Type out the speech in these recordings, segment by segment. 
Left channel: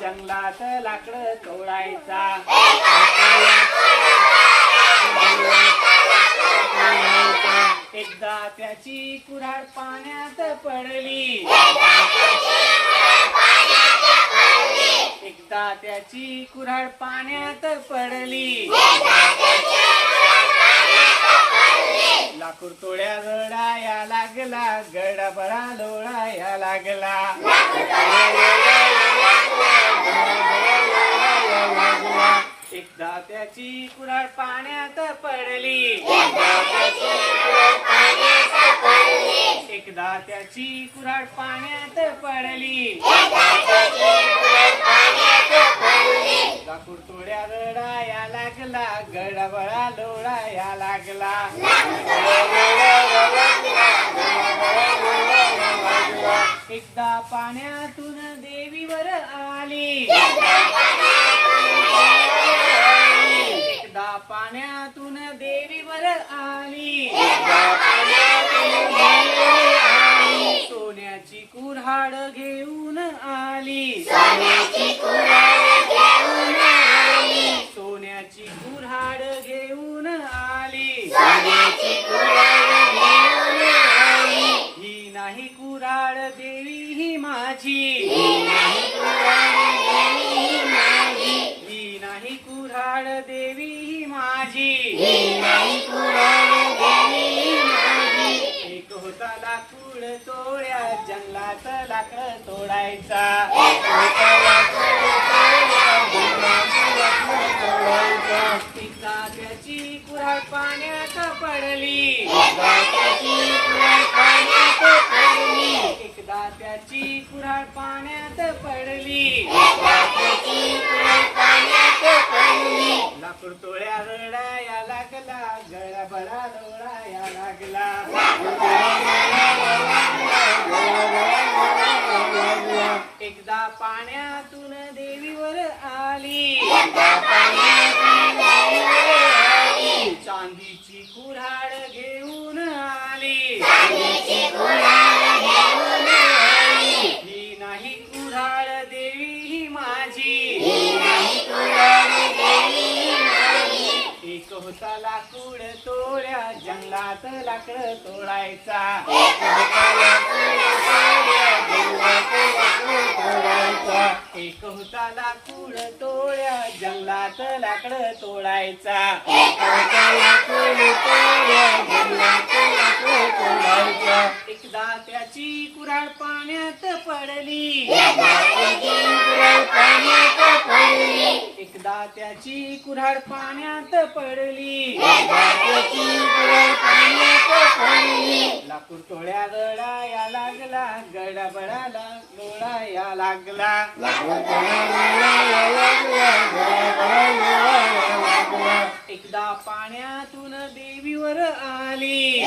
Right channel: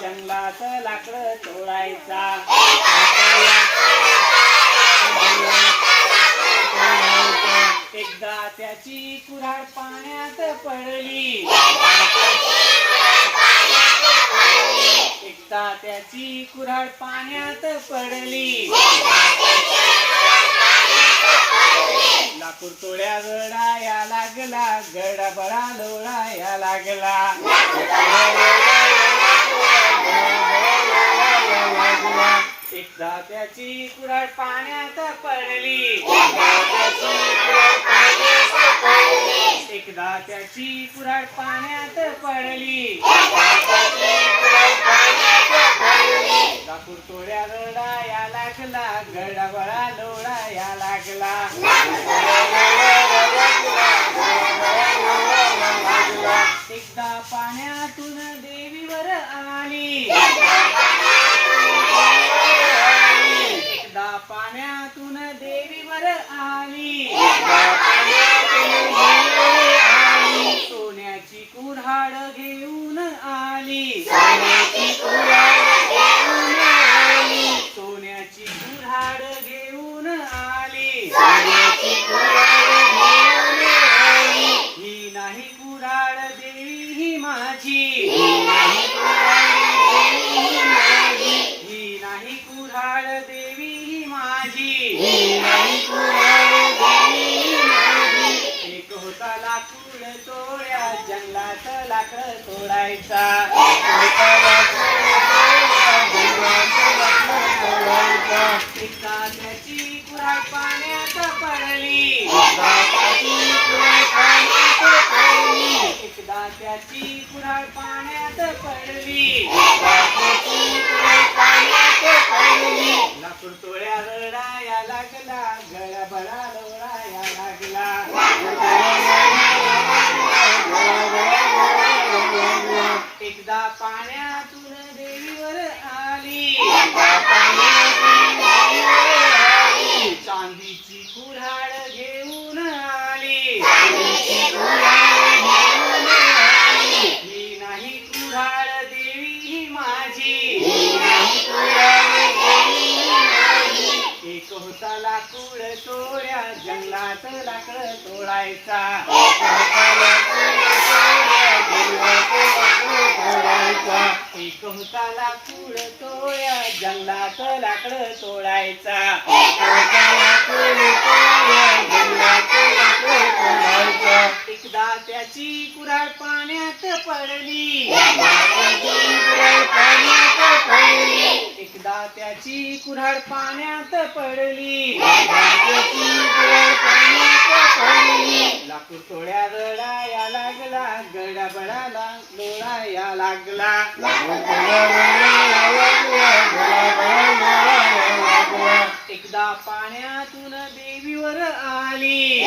जंगलात लाकड तोडायचा. एकदा त्याची कुऱ्हाड पाण्यात पडली. एकदा त्याची कुऱ्हाड पाण्यात पडली. लाकूड तोड्या गडाया लागला गडा लोळाया लागला. एकदा त्याची कुराड पाण्यात पडली. एकदा त्याची कुराड पाण्यात पडली. लाकूड तोड्या रडाया लागला गडाबळा डोळाया लागला. आली. सोन्याची कुऱ्हाड घेऊन आली. सोन्याची कुऱ्हाड घेऊन आली. ही नाही कुऱ्हाड देवी ही माझी. ही नाही कुऱ्हाड देवी ही माझी जंगलात लाकड तोडायचा एकदा त्याची कुराय पाण्यात पडली एकदा त्याची कुराळ पाण्यात पडली लाकूड तोळ्या रडाया लागला गळा बळा लोळाया लागला एकदा पाण्यातून देवीवर आली. चांदीची कुऱ्हाड घेऊन आली. मी नाही कुऱ्हाड देवी ही माझी. एक होता लाकूड तोड्या जंगलात लाकड तोडायचा. एक होता लाकूड तोड्या जंगलात लाकड तोडायचा. एकदा त्याची कुऱ्हाड पाण्यात पडली. एकदा त्याची कुऱ्हाड पाण्यात पडली. लाकूड तोड्या रडाया लागला गडा बळाला लोळाया लागला. एकदा पाण्यातून देवीवर आली.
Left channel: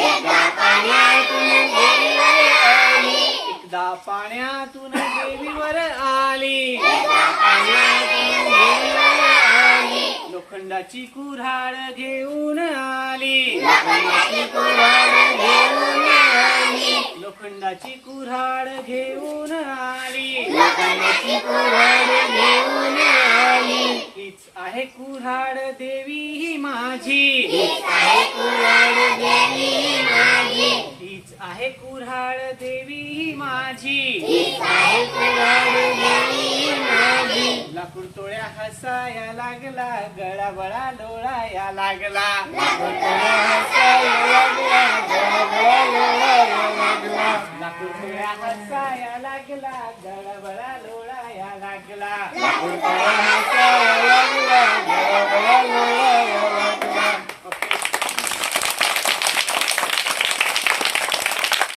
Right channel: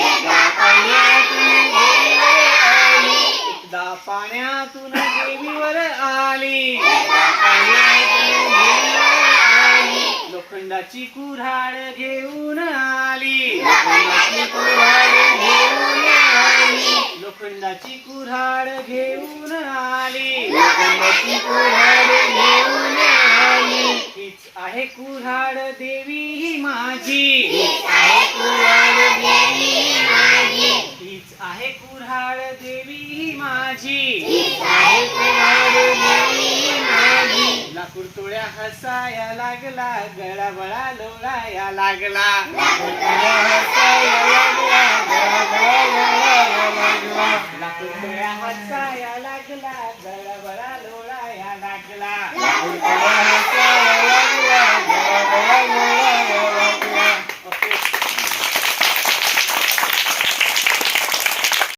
एकदा पाण्यातून देवीवर आली. लोखंडाची कुऱ्हाड घेऊन आली. लोखंडाची कुऱ्हाड घेऊन आली. हीच आहे कुऱ्हाड देवी ही माझी. हीच आहे कुऱ्हाड देवी ही माझी. लाकूड हसाया लागला गळा बळा लोळाया लागला